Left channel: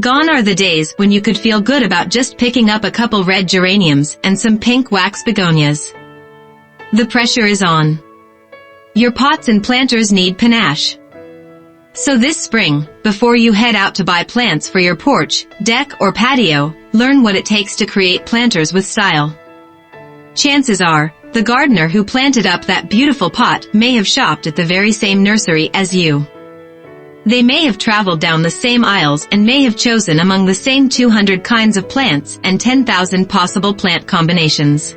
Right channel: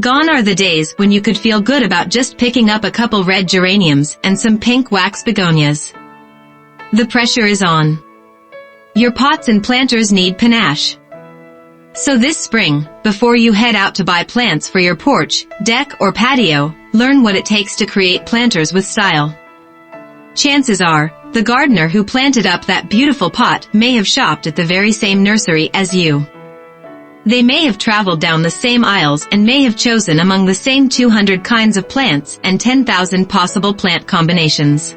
Gone are the days when you could feel good about just picking up a couple red geraniums and some pink wax begonias. The pressure is on. Your pots and planters need panache. So this spring, before you head out to buy plants for your porch, deck, or patio, learn what it takes to create planters with style. Chances are, the gardener who planted up that beautiful pot may have shopped at the very same nursery as you. They may have traveled down the same aisles and may have chosen among the same 200 kinds of plants and 10,000 possible plant combinations.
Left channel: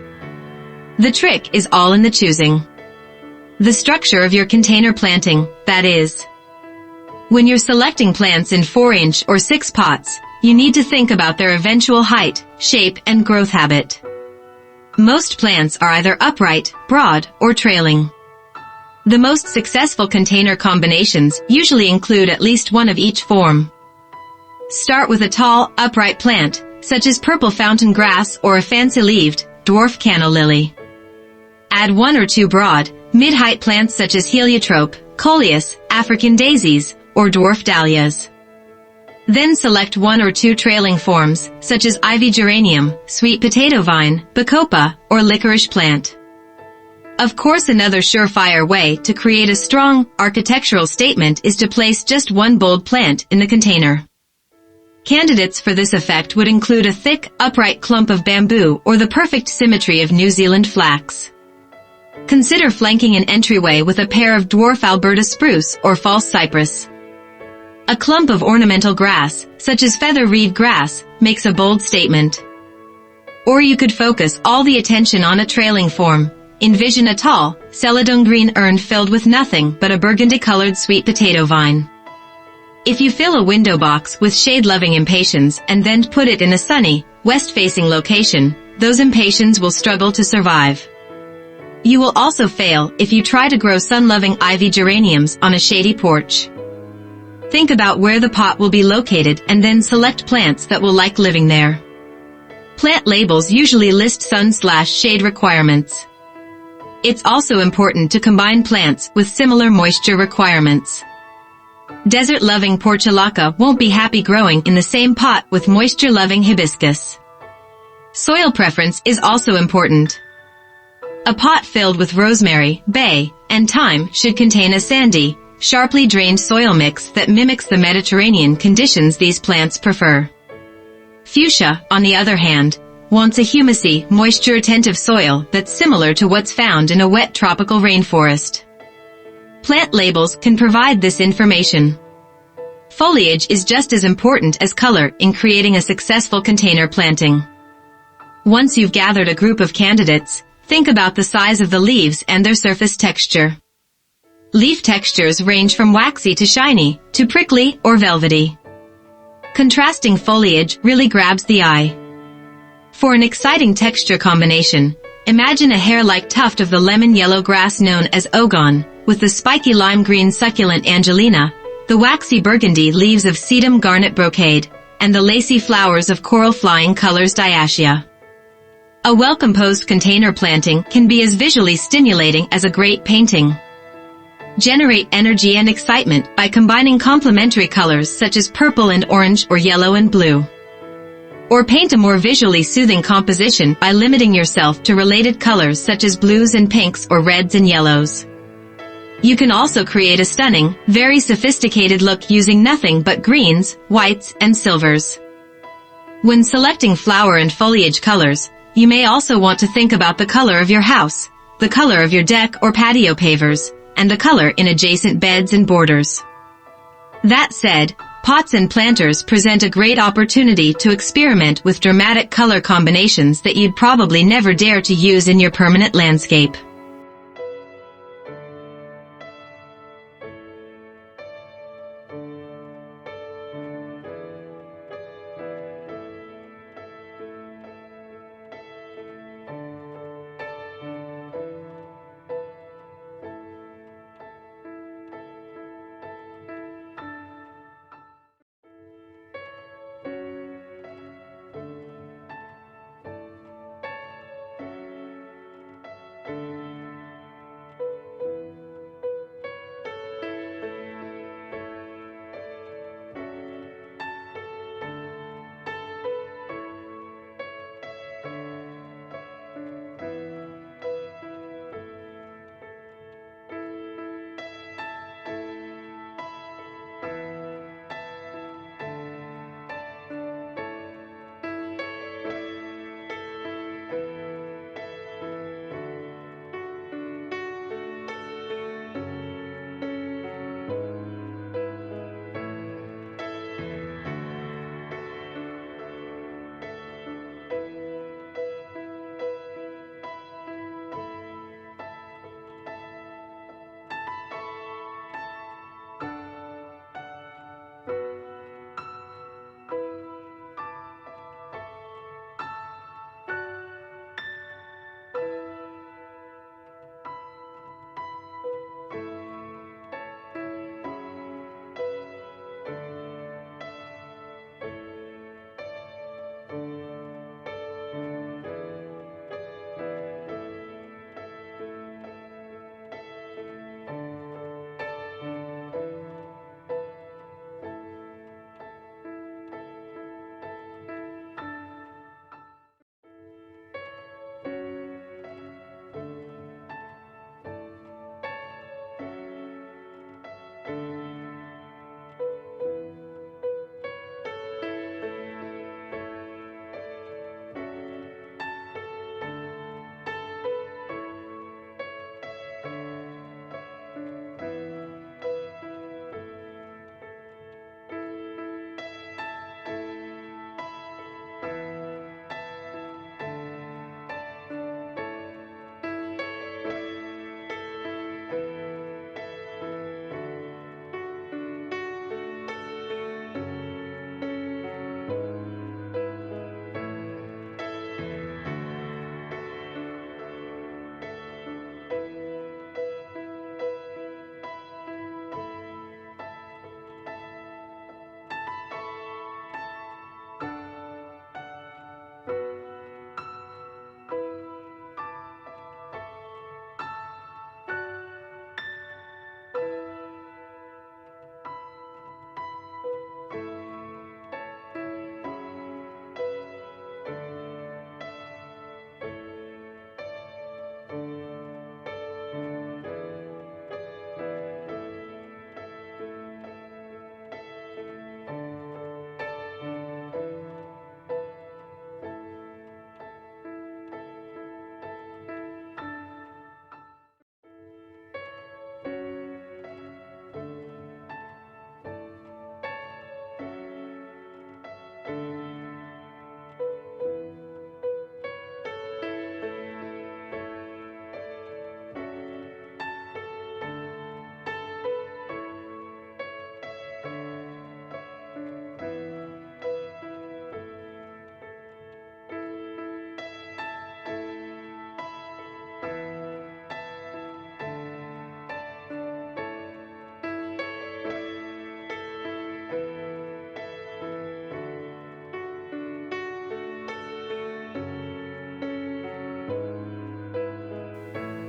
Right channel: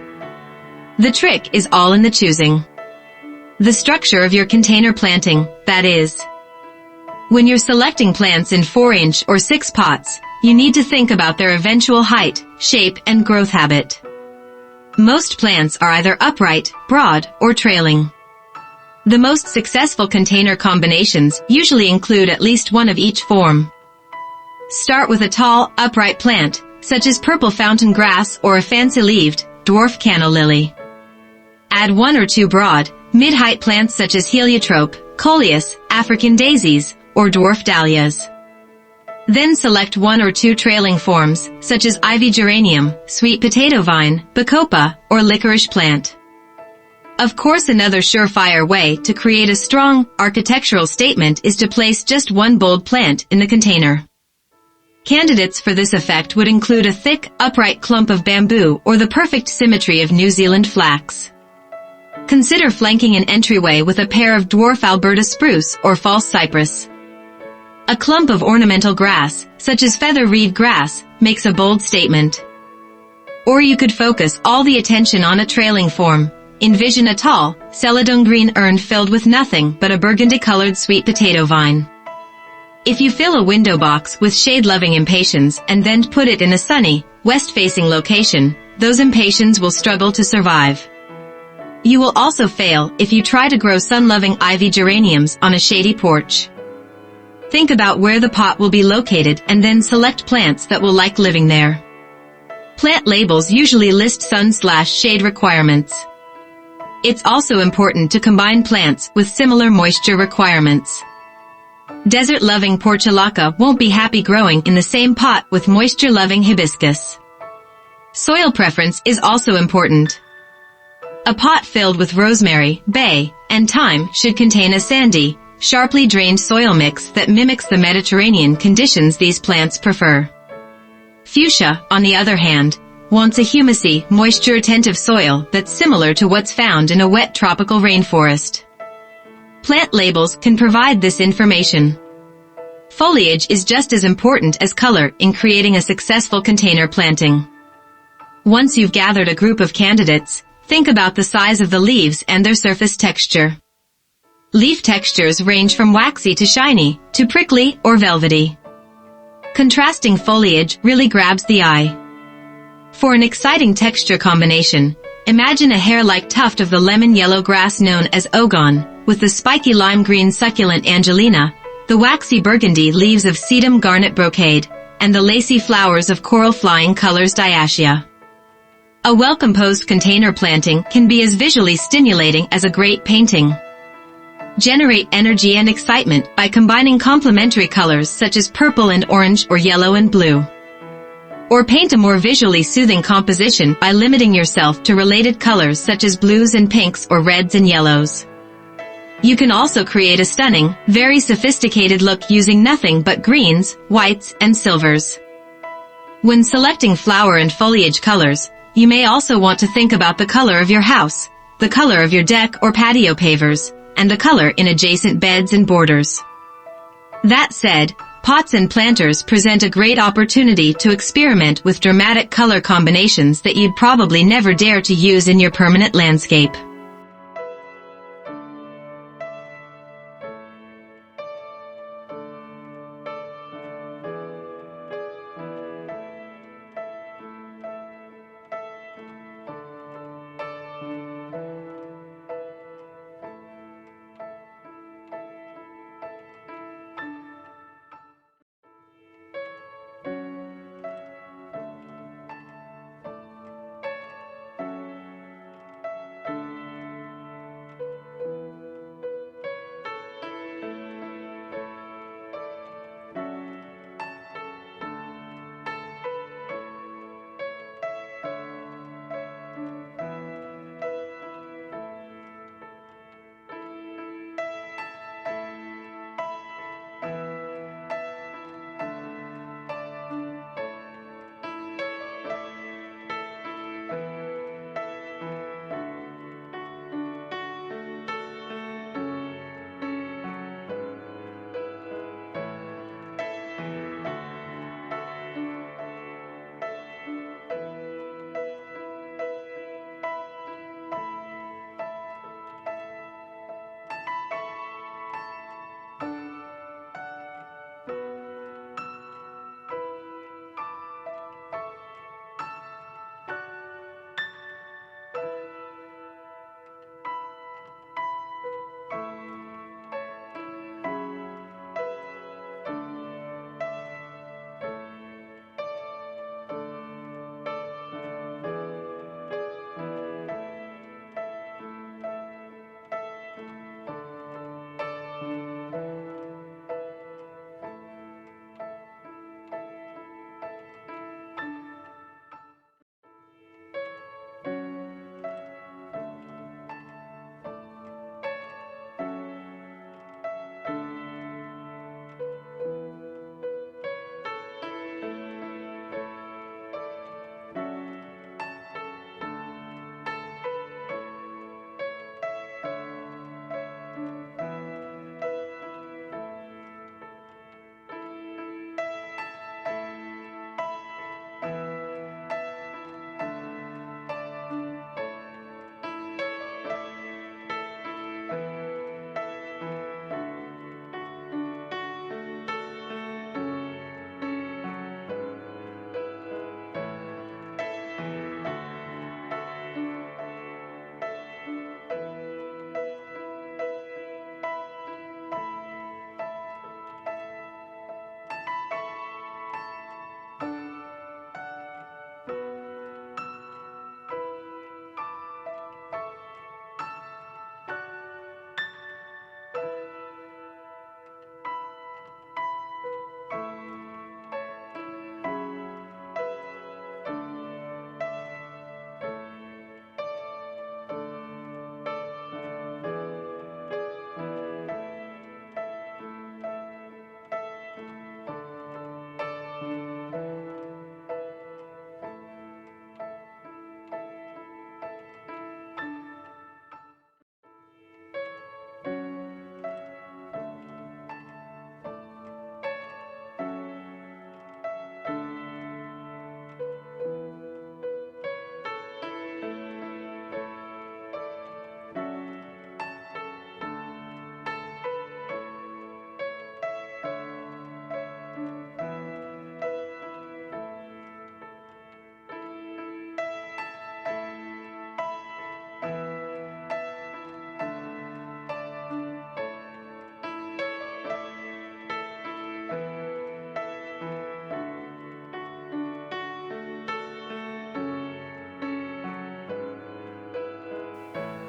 The trick is all in the choosing. The structure of your container planting, that is. When you're selecting plants in 4-inch or 6 pots, you need to think about their eventual height, shape, and growth habit. Most plants are either upright, broad, or trailing. The most successful container combinations usually include at least one of each form. Start with a tall, upright plant, such as purple fountain grass or a fancy-leaved, dwarf canna lily. Add 1 or 2 broad, mid-height plants such as heliotrope, coleus, African daisies, or dwarf dahlias. Then select 1 or 2 trailing forms, such as ivy geranium, sweet potato vine, bacopa, or licorice plant. Of course, another surefire way to create a strong, architectural statement is to place just one bold plant in the container. Candidates for this effect would include a thick, upright clump of bamboo or the perfect symmetry of New Zealand flax. Consider flanking an entryway with a pair of dwarf Alberta spruce or false cypress. A clump of ornamental grass, such as feather reed grass, makes a bold statement. Or you could focus all the attention on a trailing form. Envision a tall, celadon green urn filled with nothing but a burgundy-colored sweet potato vine. If you fill a window box with shade-loving impatiens and then put it in a sunny, west-facing location, those impatiens will struggle to survive. You will also fail if you try to grow sun-loving ivy geraniums on a shady porch. Think about where the pot will be located and then select plants that will like living there. Plant labels usually list sun/shade requirements. It's also important to combine plants with similar moisture requirements. Desert-loving portulaca won't be happy growing in the same pot with moisture-loving hibiscus. Soil preference is also important. A pot filled with rosemary, bay, and thyme should contain a sandy, sharply drained soil mix that mimics the Mediterranean conditions these plants prefer. Fuchsia, on the other hand, wants a humusy, moisture-attentive soil that's similar to what's found in a wet tropical rainforest. Plant labels can provide this information. Foliage is just as important as color in creating a successful container planting. Once you've gathered a group of candidates, think about the size of the leaves and their surface texture. Leaf textures range from waxy to shiny, to prickly or velvety. Contrasting foliage really grabs the eye. For an exciting texture combination, imagine a hair-like tuft of the lemon-yellow grass known as ogon, with the spiky lime-green succulent angelina, the waxy burgundy leaves of sedum garnet brocade, and the lacy flowers of coral-flying colors diacia. A well-composed container planting can be as visually stimulating as a great painting. Generate energy and excitement by combining complementary colors such as purple and orange or yellow and blue. Or paint a more visually soothing composition by limiting yourself to related colors such as blues and pinks or reds and yellows. You can also create a stunning, very sophisticated look using nothing but greens, whites, and silvers. When selecting flower and foliage colors, you may also want to think about the color of your house, the color of your deck or patio pavers, and the color in adjacent beds and borders. That said, pots and planters present a great opportunity to experiment with dramatic color combinations that you'd probably never dare to use in your permanent landscape.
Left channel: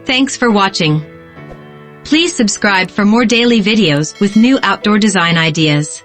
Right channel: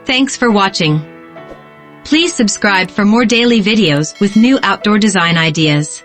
Thanks for watching. Please subscribe for more daily videos with new outdoor design ideas.